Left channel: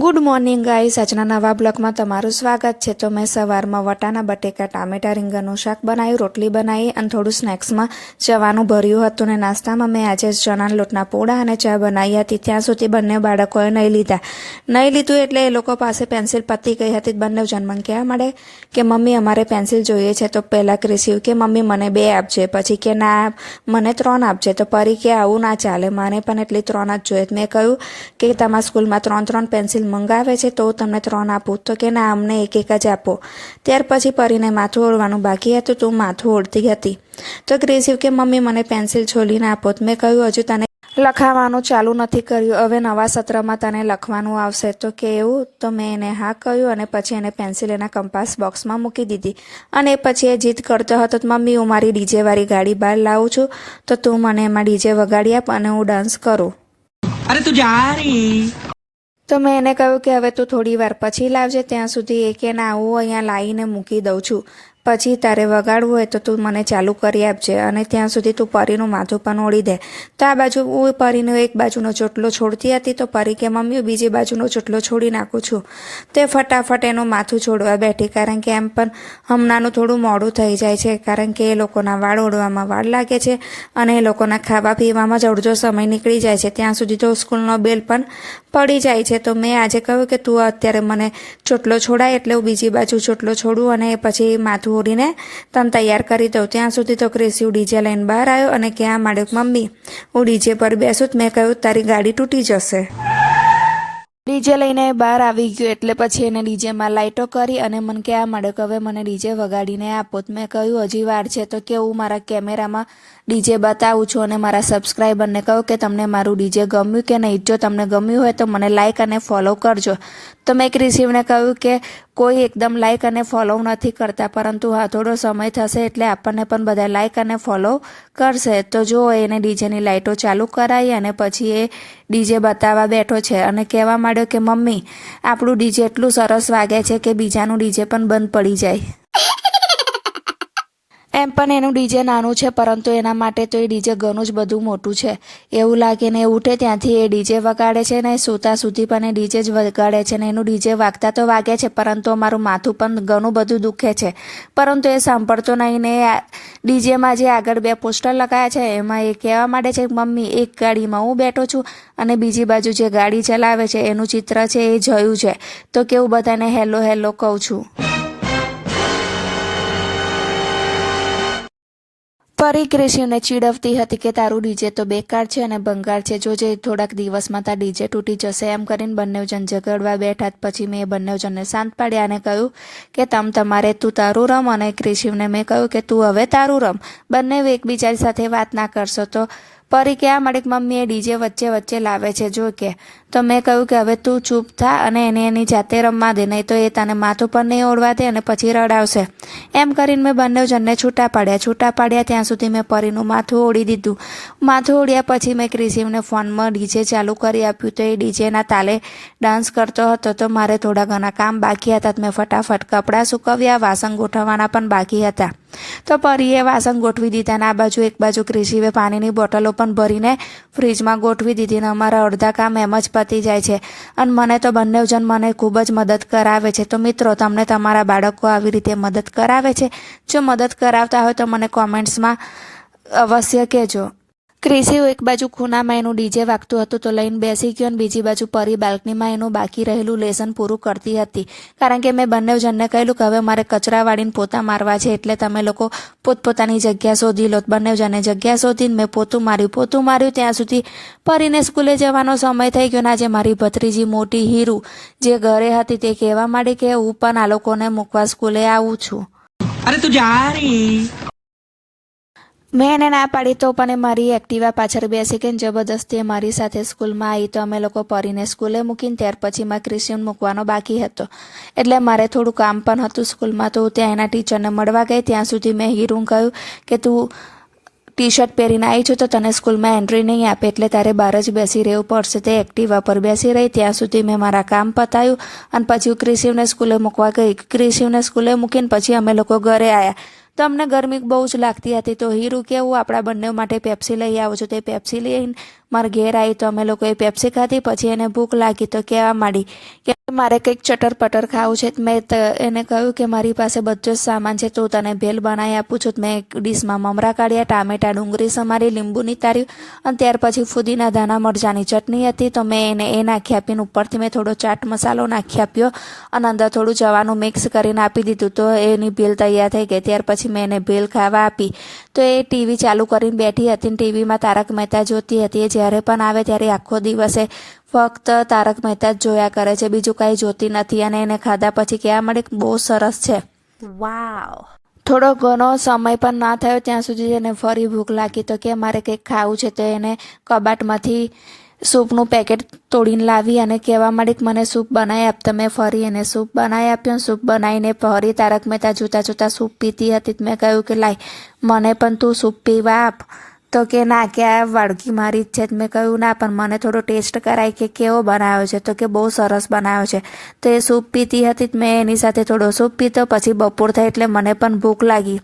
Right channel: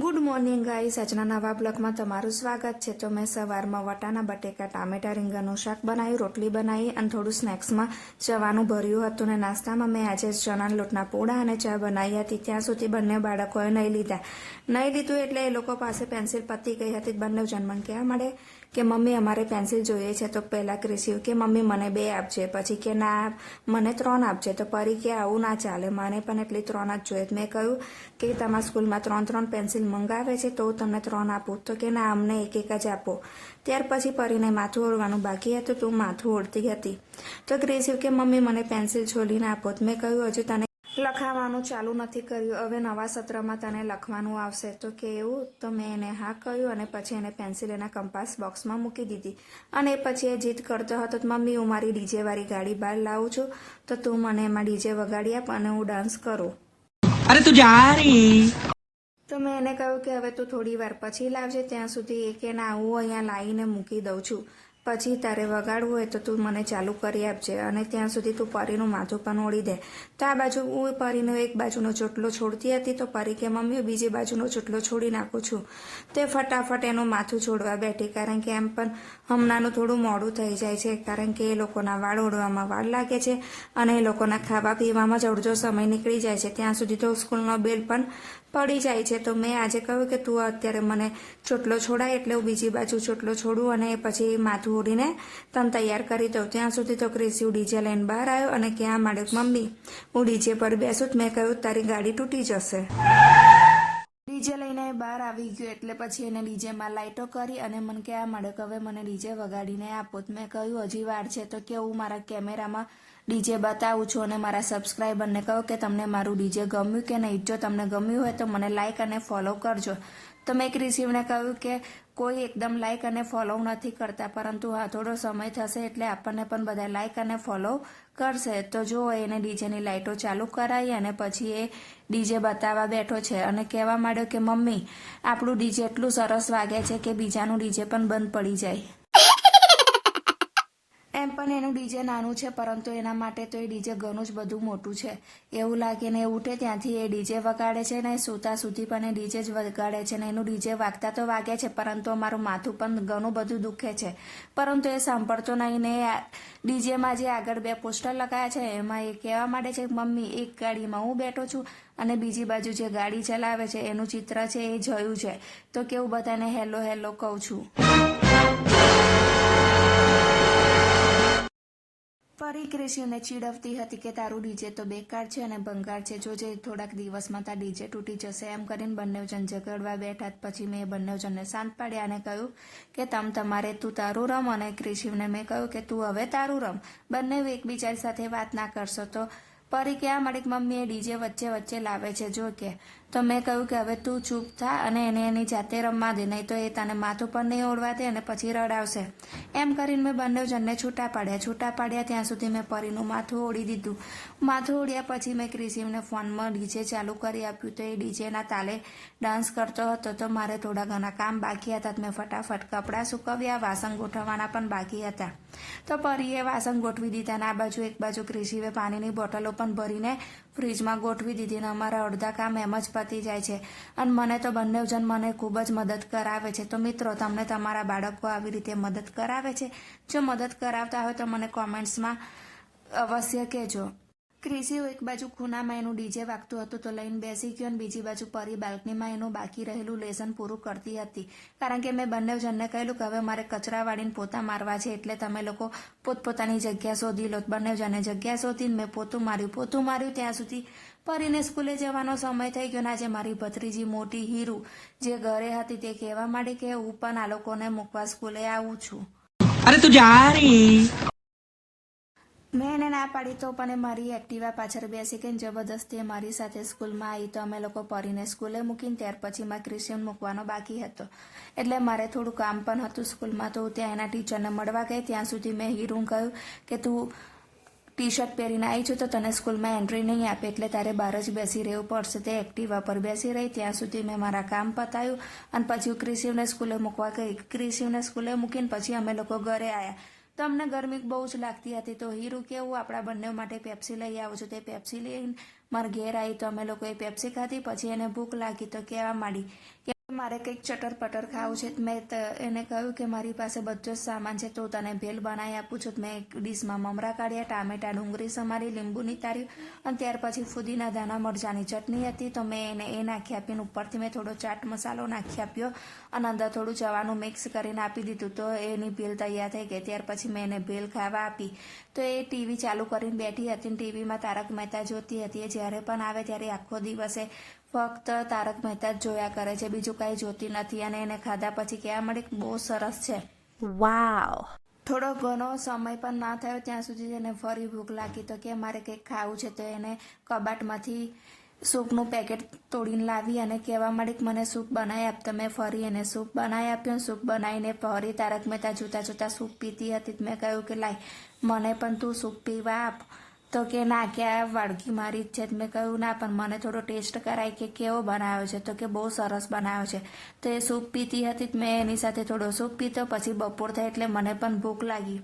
Good morning guys, આજના નવા બ્લોગમાં તમારું સ્વાગત છે। તો મેં સવારમાં વટાણા બટેકા ટામેટા રીંગણનું શાક બનાવ્યું, રોટલી બનાવી અને થોડું સ્નેક્સમાં ચવાનું ભર્યું હતું। ને નાસ્તામાં મેં આજે ચણાના લોટના પોળા અને ચા બનાવી હતી। ત્યાં સુધી બંને બાળકોએ નહીં લીધું એટલે એ લોકો પાસે પેન્સિલ પતી ગઈ હતી। બંને જણ મને કહેવા માંડે કે મમ્મી અમારે પેન્સિલ જોઈએ છે। તો પહેલાં ક્રિશિવ કે મમ્મી મને 2 આપજે, પછી કે ના મને 3 આપજે। તો પરી કે આવું ના ચાલે, મને પણ એટલી 3 જ જોઈએ। મેં કહ્યું કે તમારા સ્કૂલમાં 3 પેન્સિલ મંગાવે છે તો તમને 3 આપું? તો કે ના, અમને એક જ આપો। ત્યાર પછી પરીને માથું ઓળવાનું બાકી હતું તો માથું ઓળતી હતી। તો ક્રિશિવ કે મમ્મી મને પેન્સિલ છોલીને આપો। મેં કહ્યું હજુ તને લખાવાનું ચાલુ નથી કર્યું, હવે નવા સત્રમાં તને લખવાનું આવશે। તો કે એવું? તો મેં એને હા કહ્યું અને પછી એને પેન્સિલ એના કંપાસ બોક્સમાં મૂકી દીધી। અને પછી એ જીદ કરતો હતો, મમ્મી હું મારી ડીજેવાળી ગાડી બહાર લાવું છું, તો તું મને એમાં ડીજે વગાડી આપ અને હું ડાન્સ કરું। અરે તું જા રહી। તો મેં એને કહ્યું કે હવે તું થોડી વાર પછી લાવજે, ત્યાં સુધી એ કે ના હું અહીંયા લાવીને મૂકી દઉં છું, પછી તારે વગાડવું હોય તો તું મને ચાલુ કરી આપજે અને ત્યાં સુધી તું પરીનું માથું પણ ઓળી દે। તો આ બાજુ હું પરીનો એક બાજુનો ચોટલો છોડતી હતી તો પરી કે મમ્મી હું બીજી બાજુનો ચોટલો છોડી નાખું છું। તે ફટાફટ એનું માથું છોડવા બેઠી, કારણ કે એમ પણ હમણાંનું થોડું મોડું થઈ જાય છે, કારણ કે એ લોકોના વાળ ઓળવામાં વાર લાગે છે અને એ લોકોના ખાવા પીવામાં જ અડધો સમય નીકળી જાય છે। ત્યાં સુધી તો સ્કૂલનો બેલ પણ પડી જાય છે। તો મેં આજે કહ્યું કે તું અત્યારે મને ચોટલો છોડાય એટલે હું બીજી બાજુ ચોટલો છોડું અને પછી માથું ઓળીને તને તૈયાર કરી દઉં। ત્યાં સુધી તો ક્રિશિવ ડીજે લઈને બહાર આવ્યો અને કહેવા માંડ્યો મમ્મી હું ડીજે પર બેસું। મેં કહ્યું તારી ગાડી તૂટી જશે। ડીજે લઈને બહાર આવી ગયો એટલે પછી એને ડીજેમાં લાઇટો કરી અને મને કહેવા માંડ્યો કે હવે મને ડીજે વગાડીને આપો। મેં કહ્યું હજી વાર છે। તો કે હું મારા કેમેરામાં ડીજે બતાવું છું અને મારા સબસ્ક્રાઈબરને કહું કે તમને મારું ડીજે ગમ્યું કે નહીં, જો તમને ગમ્યું હોય તો મને લાઇક અને ફોલો કરજો। તો મેં ક્રિશિવને કહ્યું કે કોઈ એકદમ લાઇક અને ફોલો નથી કરતા, પરંતુ હા થોડો સમય થશે એટલે આપણને પણ બધા લાઇક અને ફોલો કરશે। તો જો એને ડીજેની લાઇટો ચાલુ કરાવી અને પછી એ ડીજે બતાવવા બેઠો છે અને કહેવા માંડ્યો કે મમ્મી આપણું ડીજે એટલું સરસ વાગે છે કે બીજાનું ડીજે પણ બંધ પડી જાય। એમ પણ એનું ડીજે નાનું છે, પરંતુ એના માટે તો એ ડીજે ઘણું જ બધું મોટું છે। એવું લાગે ને ઉઠે ત્યાંથી એ ડીજે વગાડે છે ને સૂતા સુધી પણ એ ડીજે જ વગાડે છે ને એનું ડીજે વાગતા તો વાગે છે, પરંતુ અમારું માથું પણ ઘણું બધું દુખે છે, પરંતુ એ સાંભળતો નહીં ને ડીજેમાં જે આગળ 2 પોસ્ટર લગાવ્યા છે એમાં એ કહેવા માંડે છે મમ્મી એક ગાડીમાં હું બેઠો છું અને બીજી બાજુ જે ગાડી ચલાવે છે એનું ચિત્ર છે એ જોયું છે। તો કેવું બધાને હેલો હેલો કહું છું। પરી ક્રિશિવને ચીડવતી હતી કે તારું ડીજે તો બેકાર છે અને ભંગાર છે, જોજે થોડાક દિવસમાં તાર ડીજે તૂટી જશે। એમ કરીને બંને જણ ઝઘડવા બેઠા। પછી મેં બંને જણને શાંત પાડ્યા અને કહ્યું કે તમારે તું તારું રમ અને ક્રિશિવને મેં કહ્યું કે તું હવે તારું રમ, બંને એકબીજા સાથે વાત ના કરશો। તો પરી કહેવા માંડી કે મમ્મી એ ડીજે વચ્ચે લાવે છે જો કે। તો મેં કહ્યું કે હવે તું ચૂપ થા અને એને એની જાતે રમવા દે, નહીં તો એ તને માથું પર નહીં ઓળવા દે અને પછી રડાવશે। એમ કરીને મેં બંને જણને છૂટા પાડ્યા। ત્યાં સુધી મેં પરીનું માથું ઓળી દીધું। માથું ઓળ્યા પછી મેં ક્રિશિવને ફોનમાં ડીજે ચાલુ કરી આપ્યું તો એ ડીજેના તાલે ડાન્સ કરતો હતો। તો મારે થોડા ઘણા કામ બાકી હતા, મેં ફટાફટ કપડાં સૂકવ્યા, વાસણ ગોઠવવાના પણ બાકી હતા। તો પરીએ વાસણ ગોઠવી દીધા અને આ બાજુ એક બાજુ ક્રિશિવે પાણીની બોટલો પણ ભરીને ફ્રીજમાં ગોઠવી દીધી ને અમારા અડધા કામ એમ જ પતી જાય છે અને મને તો બંને જણ મને ખૂબ જ મદદ કરાવે છે। તો મિત્રો, તમને તમારા બાળકો આવી રીતે મદદ કરાવે છે? જો મદદ કરાવતા હોય તો મને કોમેન્ટ્સમાં અવશ્ય કહેજો। ક્રિશિવ એક બાજુ ખૂણામાં એનું ડીજે વાગતું હતું તો લઈને બેસી ગયો અને બીજી બાજુ પરી બાલ્કનીમાં એનું બાકી રહેલું લેસન પૂરું કરતી હતી, કારણ કે મેં બંને જણને કહેલું કે હવે મારે કચરા વાળીને પોતા મારવા છે એટલે તમે લોકો પોતપોતાની જગ્યા શોધી લો। બંને જણે જગ્યા શોધીને મેં પોતું માર્યું ત્યાં સુધી પરીને સ્કૂલે જવાનો સમય થઈ ગયો ને આજે મારી ભત્રીજી મોટી હીરુ જે ઘરે હતી તે કહેવા માંડી કે હું પણ આ લોકોને મૂકવા સ્કૂલે આવું છું। અરે તું જા રહી। મેં એને ના પાડી તો પણ એ મારી એક્ટિવા પાછળ બેસી ગઈ, જબરદસ્તી મારી સાથે સ્કૂલમાં આવી। તો અમે લોકો પરીને સ્કૂલે મૂકીને ત્યાર પછી મારે ક્રિશિવને મૂકવાનો બાકી હતો એટલે મારે થોડું કામ પણ હતું સ્કૂલમાં। તો ત્યાં એના ટીચરને મળવા ગઈ। ત્યાં સુધી મેં હીરુને કહ્યું કે તું ટી શર્ટ પહેરીને આવી છું તો તને સ્કૂલમાં એન્ટ્રી નહીં આપે એટલે તારે બહાર જ બેસી રહેવું પડશે। તે એક્ટિવા પર બેસી રહી। ત્યાં સુધી મેં મારા કામ પતાવ્યું અને પછી હું ક્રિશિવને સ્કૂલે મૂકવા ગઈ। ક્રિશિવને સ્કૂલે મૂકીને પછી અમે લોકો ઘરે આવ્યા તો અમને ગરમી બહુ જ લાગતી હતી। તો હીરુ કેવું આપણા બંને માટે પેપ્સી લઈ આવું છું, તે પેપ્સી લઈને મારા ઘેર આવી તો અમે લોકોએ પેપ્સી ખાધી. પછી એને ભૂખ લાગી તો કહેવા માંડી કે મારે કંઈક ચટર પટર ખાવું છે. મેં એને કહ્યું કે મારી પાસે બધો જ સામાન છે, તો તને ભેલ બનાવી આપું છું. મેં એક ડીશમાં મમરા કાઢ્યા, ટામેટા ડુંગળી સમારી, લીંબુ નીતાર્યું અને ત્યાર પછી ફુદીના ધાણા મરચાંની ચટણી હતી તો મેં એને એ નાખી આપીને ઉપરથી મેં થોડો ચાટ મસાલો નાખી આપ્યો અને અંદર થોડું જવાનું મિક્સ કરીને આપી દીધું તો એની ભેલ તૈયાર થઈ ગઈ. ત્યાર પછી મેં એને ભેલ ખાવા આપી તો એ ટીવી ચાલુ કરીને બેઠી હતી ને ટીવીમાં તારક મહેતા જોતી હતી. એ જ્યારે પણ આવે ત્યારે આખો દિવસે ફક્ત તારક મહેતા જ જોયા કરે છે, બીજું કાંઈ જોતી નથી. અને એને ખાધા પછી કહેવા મળે કે બહુ સરસ છે. વાવ. થોડો ઘણો સમય પણ ના થયો ત્યાં સુધી એને ફરી ભૂખ લાગી તો કે મારે કંઈક ખાવું છે. તો એને કબાટમાંથી સૂપનું પેકેટ તોડીને લાવી અને કહેવા માંડી કે મને સૂપ બનાવી આપ. તો મેં ફરી એને સૂપ બનાવી આપ્યો. સૂપ બનાવીને ફરી તારક મહેતા જોતાં જોતાં સૂપ પીતી હતી. મેં કહ્યું કે લાય મને પણ તું સૂપ પીવા આપ. તો કે ના કે આ વાડકી મારી જ છે. મેં કહ્યું ના પણ મને થોડો ટેસ્ટ કરાય કે કેવો બનાવ્યો છે. તો કે બહુ સરસ બનાવ્યો છે. તો એ સૂપ પીતી હતી. મેં એની સાથે થોડો સૂપ પીતો. પછી બપોર થઈ એટલે મને પણ ભૂખ લાગી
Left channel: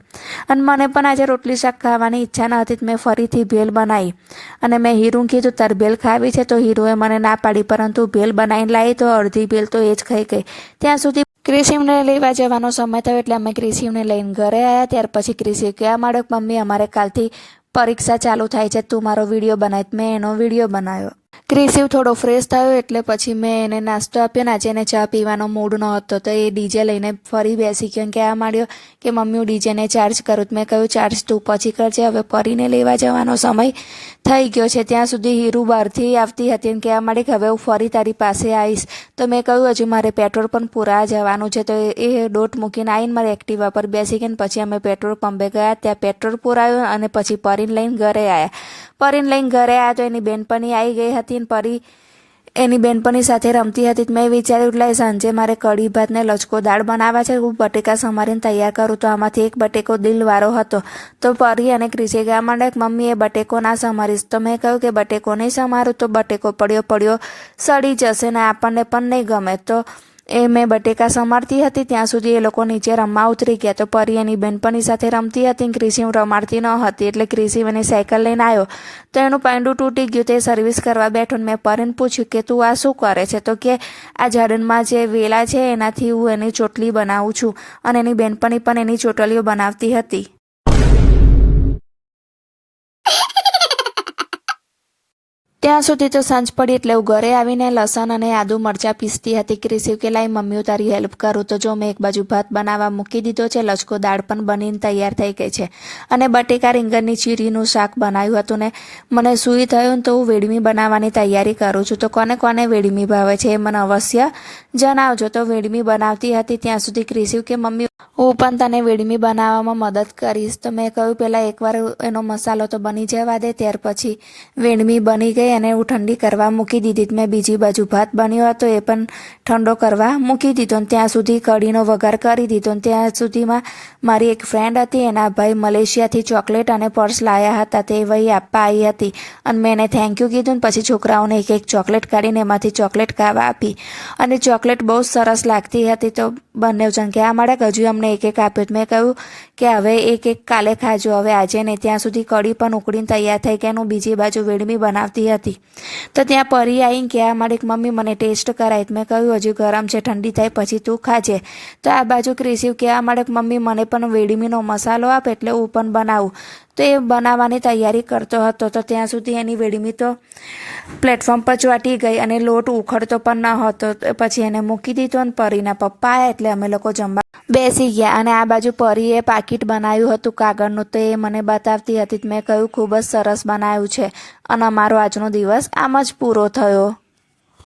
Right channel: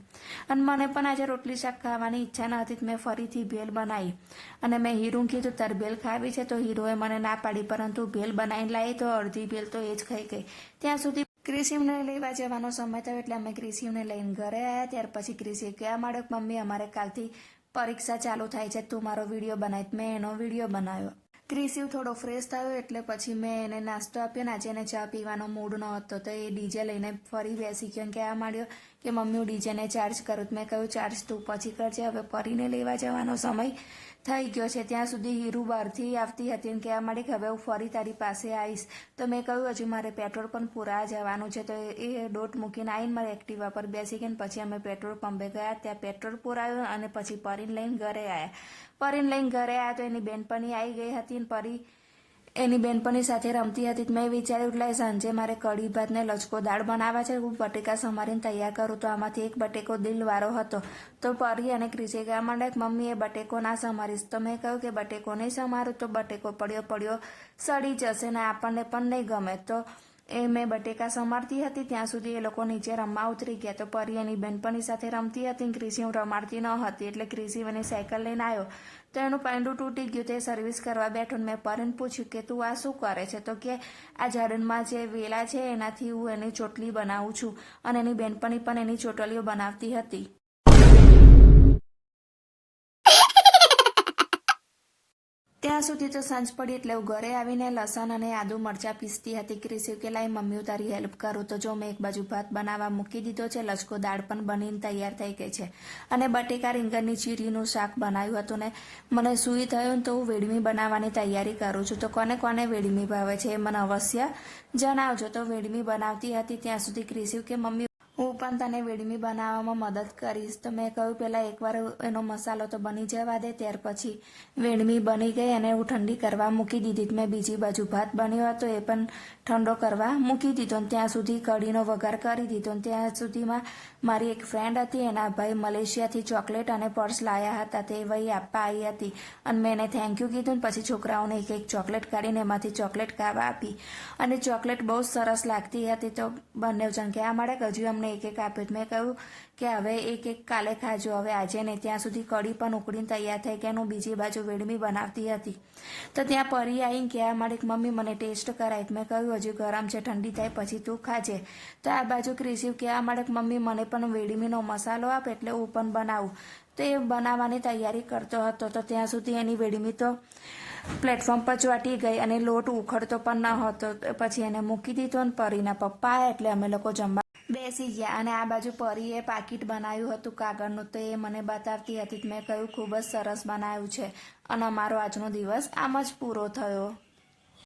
અને મને પણ આજે રોટલી શાક ખાવાની ઈચ્છા ન હતી. મેં ફરીથી ભેલ બનાવી અને મેં હીરું કીધું તાર ભેલ ખાવી છે તો હીરુએ મને ના પાડી, પરંતુ ભેલ બનાવીને લાવી તો અડધી ભેલ તો એ જ ખાઈ ગઈ. ત્યાં સુધી ક્રિશિવને લેવા જવાનો સમય થયો એટલે અમે ક્રિશિવને લઈને ઘરે આવ્યા. ત્યાર પછી ક્રિશિવ કહેવા માંડ્યો કે મમ્મી અમારે કાલથી પરીક્ષા ચાલુ થાય છે, તું મારો વિડીયો બનાવ. મેં એનો વિડીયો બનાવ્યો. ક્રિશિવ થોડો ફ્રેશ થયો એટલે પછી મેં એને નાસ્તો આપ્યો ને આજે એને ચા પીવાનો મૂડ ન હતો તો એ ડીજે લઈને ફરી બેસી ગયો. કહેવા માંડ્યો કે મમ્મી હું ડીજેને ચાર્જ કરું. મેં કહ્યું ચાર્જ તું પછી કરજે, હવે પરીને લેવા જવાનો સમય થઈ ગયો છે. ત્યાં સુધી હીરુ બહારથી આવતી હતી અને કહેવા માંડી કે હવે હું ફરી તારી પાસે આવીશ. તો મેં કહ્યું હજુ મારે પેટ્રોલ પણ પૂરા જવાનું છે. તો એ ડોટ મૂકીને આવીને મારે એક્ટિવા પર બેસી ગઈ. પછી અમે પેટ્રોલ પંપે ગયા, ત્યાં પેટ્રોલ પુરાવ્યું અને પછી પરીને લઈને ઘરે આવ્યા. પરીને લઈને ઘરે આવ્યા તો એની બેનપણી આવી ગઈ હતી ને પરી એની બેનપણી સાથે રમતી હતી. મેં વિચાર્યું એટલે સાંજે મારે કઢી ભાત ને લચકો દાળ બનાવવા છે. હું બટેકા સમારીને તૈયાર કરું તો આમાંથી એક બટેકો દિલવાળો હતો. તો પરી અને ક્રિશે કહેવા માંડ્યા કે મમ્મી એ બટેકો ના સમારીશ. તો મેં કહ્યું કે બટેકો નહીં સમારું તો બટેકો પડ્યો સડી જશે ને આપણને પણ નહીં ગમે. તો એ મેં બટેકા સમારતી હતી ત્યાં સુધી એ લોકો નીચે રમવા ઉતરી ગયા. તો પરી એની બેનપણી સાથે રમતી હતી. ક્રિશિવ રમાડતી ન હતી એટલે ક્રિશિવ એની સાયકલ લઈને આવ્યો તો એનું પાંડું તૂટી ગયું. તે સર્વિસ કરવા બેઠો ને મેં પરીને પૂછ્યું કે તું આ શું કરે છે. તો કે આ ઝાડનમાં જે વેલા છે એનાથી હું એની ચોટલી બનાવું છું. અને એની બેનપણી પણ એની ચોટલીઓ બનાવતી હતી. ત્યાં સુધી તો સાંજ પડી એટલે હું ઘરે આવીને લસણ અને આદુ મરચાં પીસતી હતી. ક્રિશિવ કે લાઈ મમ્મી હું તારી હેલ્પ કરું. તો જો મેં એક બાજુ ભાત બનાવવા મૂકી દીધો છે, લચકો દાળ પણ બનીને તૈયાર થઈ ગઈ છે અને બટેકા રીંગણની ચીરીનું શાક બનાવ્યું હતું ને મને સૂઈ થયું ને તો હું વેડમી બનાવવાની તૈયારી કરું છું. તો કોને કોને વેડમી ભાવે છે એ મને અવશ્ય જણાવજો. તો વેડમી બનાવતી હતી ત્યાં સુધી ક્રિશિવ કે મમ્મી હું પણ તને વેડમી બનાવવામાં મદદ કરીશ. તો મેં કહ્યું પહેલાં એકવાર એનો મસાલો તો બની જવા દે. ત્યાર પછી વેડમી બની ગઈ અને હું ઠંડી કરવા મૂકી દીધી. મેં બીજી બાજુ ભાત બન્યો હતો એ પણ ઠંડો કરવા મૂકી દીધો ને ત્યાં સુધી કઢીનો વઘાર કરી દીધો. ત્યાં સુધીમાં મારી એક ફ્રેન્ડ હતી, એના ભાઈ મલેશિયાથી ચોકલેટ અને પર્સ લાવ્યા હતા. તે વહી આપવા આવી હતી અને મેં એને થેન્ક યુ કીધું ને પછી છોકરાઓને એક એક ચોકલેટ કાઢીને એમાંથી ચોકલેટ ખાવા આપી અને ચોકલેટ બહુ સરસ લાગતી હતી. તો બંને જણ કહેવા માંડ્યા કે હજુ અમને એક એક આપ્યો. મેં કહ્યું કે હવે એક એક કાલે ખાજો, હવે આજે નહીં. ત્યાં સુધી કઢી પણ ઉકળીને તૈયાર થઈ કે એનું બીજી બાજુ વેડમી બનાવતી હતી. તો ત્યાં પરી આવીને કહેવા માંડી કે મમ્મી મને ટેસ્ટ કરાય. મેં કહ્યું હજુ ગરમ છે, ઠંડી થાય પછી તું ખાજે. તો આ બાજુ ક્રિશિવ કહેવા માંડે કે મમ્મી મને પણ વેડમીનો મસાલો આપ એટલે હું પણ બનાવું. તો એ બનાવવાની તૈયારી કરતો હતો. તો ત્યાં સુધી એની વેડમી તો પ્લેટફોર્મ પર ચોંટી ગઈ અને લોટ ઉખડતો પણ ન હતો. પછી એને મૂકી દીધો અને પરીના પપ્પા આવ્યા એટલે અમે લોકો જમવા બેસી ગયા. અને આ બાજુ પરીએ પાકીટ બનાવ્યું હતું કાગળનું તો એ મને બતાવતી હતી. મેં કહ્યું ખૂબ જ સરસ બનાવ્યું છે અને અમારો આજનો દિવસ આમ જ પૂરો થયો.